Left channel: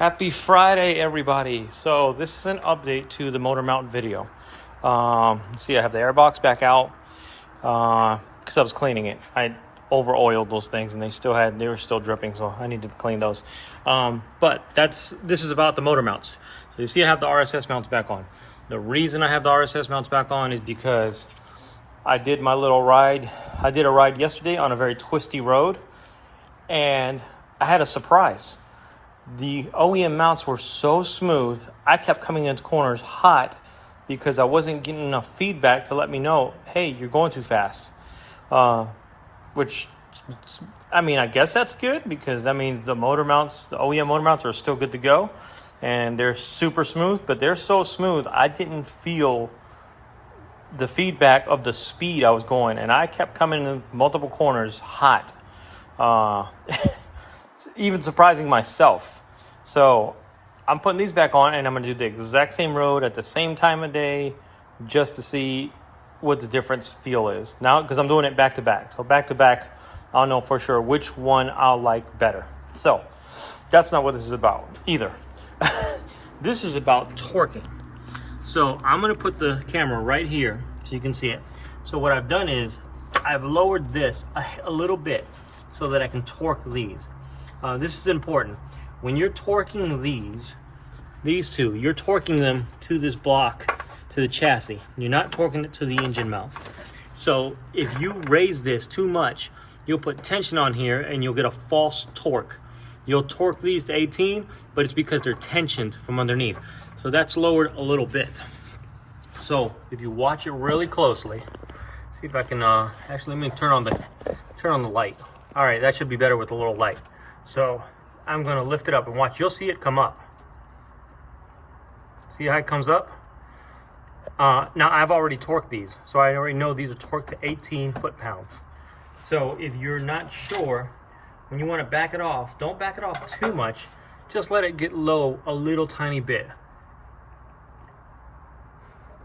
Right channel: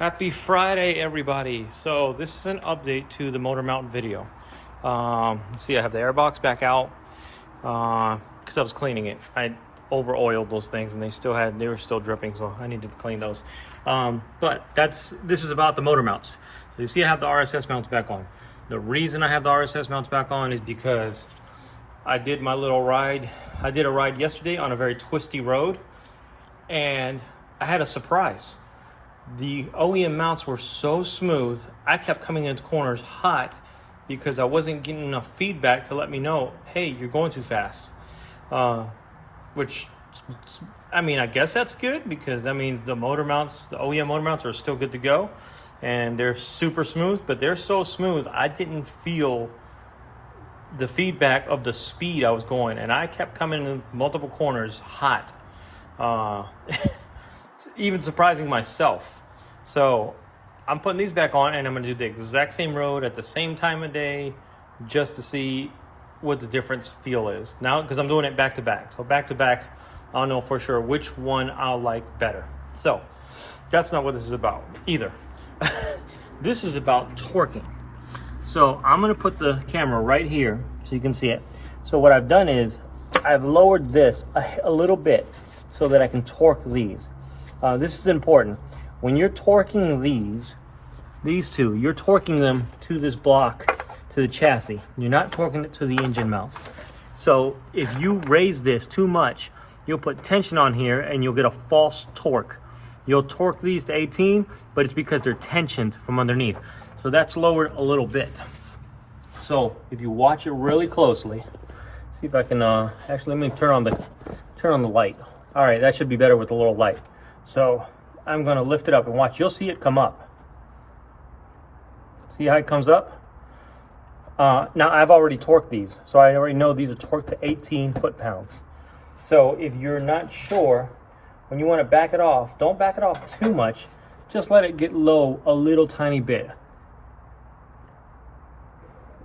Happy Friday, everybody. So this is an update to the motor mount video. See, I have the airbox back out because I was cleaning it. I over oiled those things and they were still dripping, so I needed to clean those. But this is about the motor mounts. So you see I have the RSS mounts back on. The reason I have the RSS mounts back on is because I did my little ride. I did a ride yesterday on a very twisty road and I had a surprise. The OEM mounts were so smooth, I kept coming into corners hot because I wasn't getting enough feedback to let me know, hey, you're going too fast. Which, I mean, I guess that's good because that means the motor mounts, the OEM motor mounts are still good to go. And they're super smooth, but they're so smooth, I didn't feel the feedback of the speed I was going. And I kept coming in multiple corners hot. Even surprising myself. So I'm putting these back on and I'm going to do the exact same road at the same time of day just to see what the difference feel is. Now, because I'm doing it back to back. So back to back, I'll know for sure which one I'll like better. So that's not what this is about either. This is about torquing. So I'm going to put the camera right here so you can see it. So what I've done is I've lowered this a little bit so that I can torque these. This is important. When you're torquing these two, you're torquing them to this block, to the chassis. You're not torquing it to the engine mount. So if you raise this too much, you'll put tension on here and you'll get a false torque. You'll torque these to 18, but it's because they're tensioned from underneath. So that's lowered a little bit. So if you watch it really closely, see if I can, actually let me turn on the light. All right, that should be better with a little light. So I'm gonna lift it up and watch. You'll see it come up. See how it comes up? Now I've already torqued these. So I already know these are torqued to 18 foot-pounds. So if you're not sure, when you wanna back it off, don't back it off too much. Just let it get low a little tiny bit.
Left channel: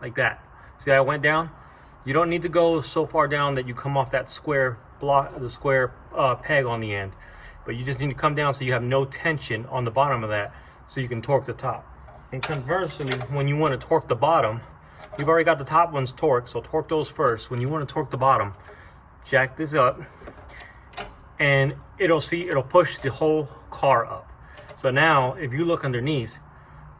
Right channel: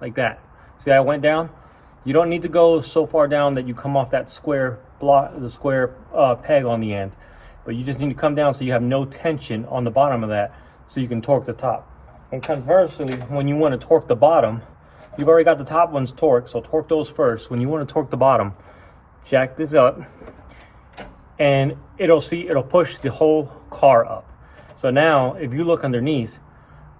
Like that. See how I went down? You don't need to go so far down that you come off that square block, the square peg on the end. But you just need to come down so you have no tension on the bottom of that so you can torque the top. And conversely, when you want to torque the bottom, you've already got the top ones torqued, so torque those first. When you want to torque the bottom, jack this up and it'll push the whole car up. So now if you look underneath,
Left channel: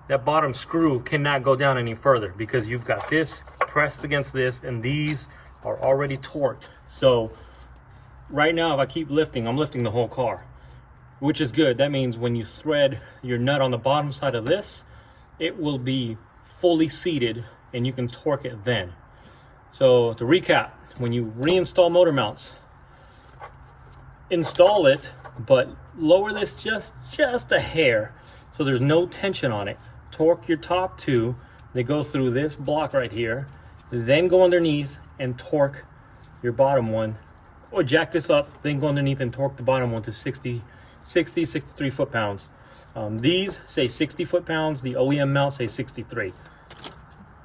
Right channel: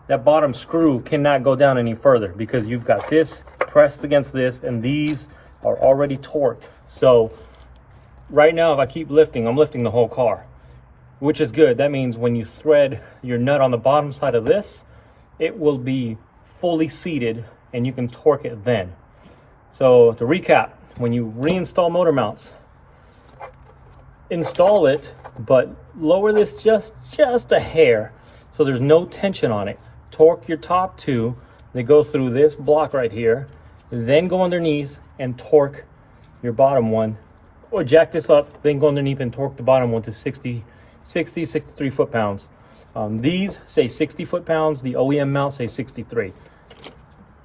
that bottom screw cannot go down any further because you've got this pressed against this and these are already torqued. So right now, if I keep lifting, I'm lifting the whole car, which is good. That means when you thread your nut on the bottom side of this, it will be fully seated and you can torque it then. So to recap, when you reinstall motor mounts, install it, but lower this just a hair so there's no tension on it. Torque your top two, they go through this block right here, then go underneath and torque your bottom one. Or jack this up, then go underneath and torque the bottom one to 63 foot-pounds. These say 60 foot-pounds, the OEM mount say 63.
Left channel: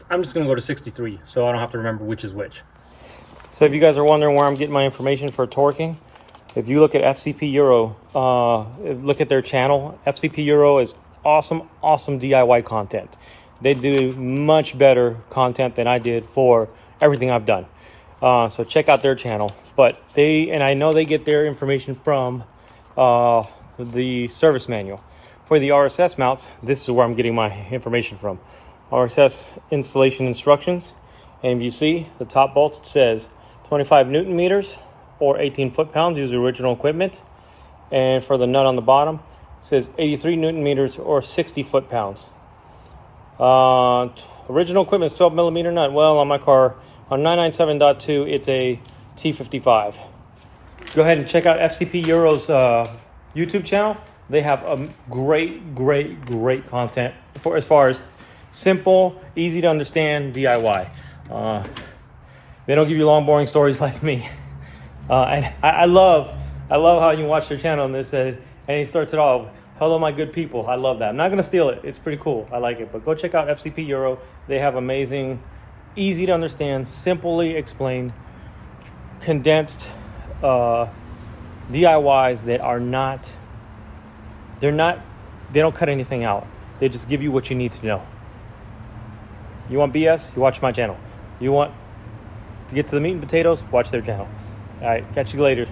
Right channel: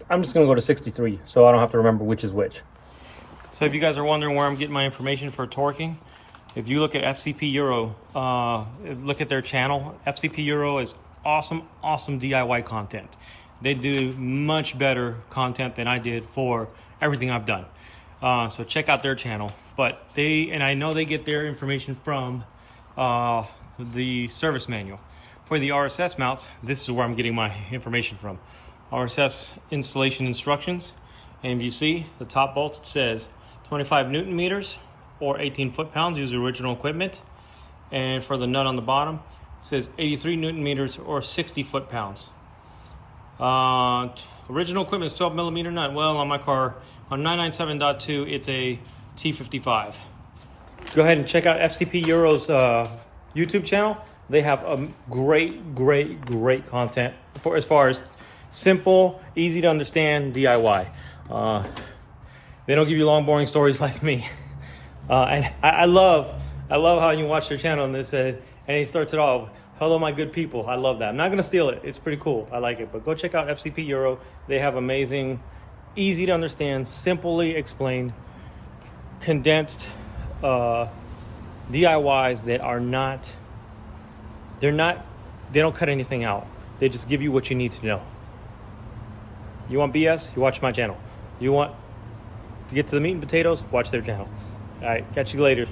I'm just gonna go to 63 so I don't have to remember which is which. So if you guys are wondering where I'm getting my information for torquing, if you look at FCP Euro, look at their channel. FCP Euro is awesome DIY content. They do much better content than I did for everything I've done. So check out their channel. But I know they get their information from the service manual. For the RSS mounts, this is where I'm getting my information from. RSS installation instructions. And if you see, the top bolt says 25 Newton meters or 18 foot-pounds, use original equipment. And for the nut on the bottom, it says 83 Newton meters or 60 foot-pounds. Original equipment is 12 millimeter nut. Well, on my car, on 997.2, it's a T55. Go ahead and check out FCP Euro's YouTube channel. They have a great content as far as simple, easy to understand DIY. They don't give you long, boring stories like me. I love how you watch their channel and and he starts it off, hello, my good people. I love that. I'm not going to steal it. It's pretty cool. I like it. But go check out FCP Euro. They have amazing, easy to understand, simply explained, condensed DIYs that are not They don't cut anything out. They just give you what you need to know. You want BS? You watch my channel. You want to get to the meat and potatoes? Watch their channel. All right, catch you later.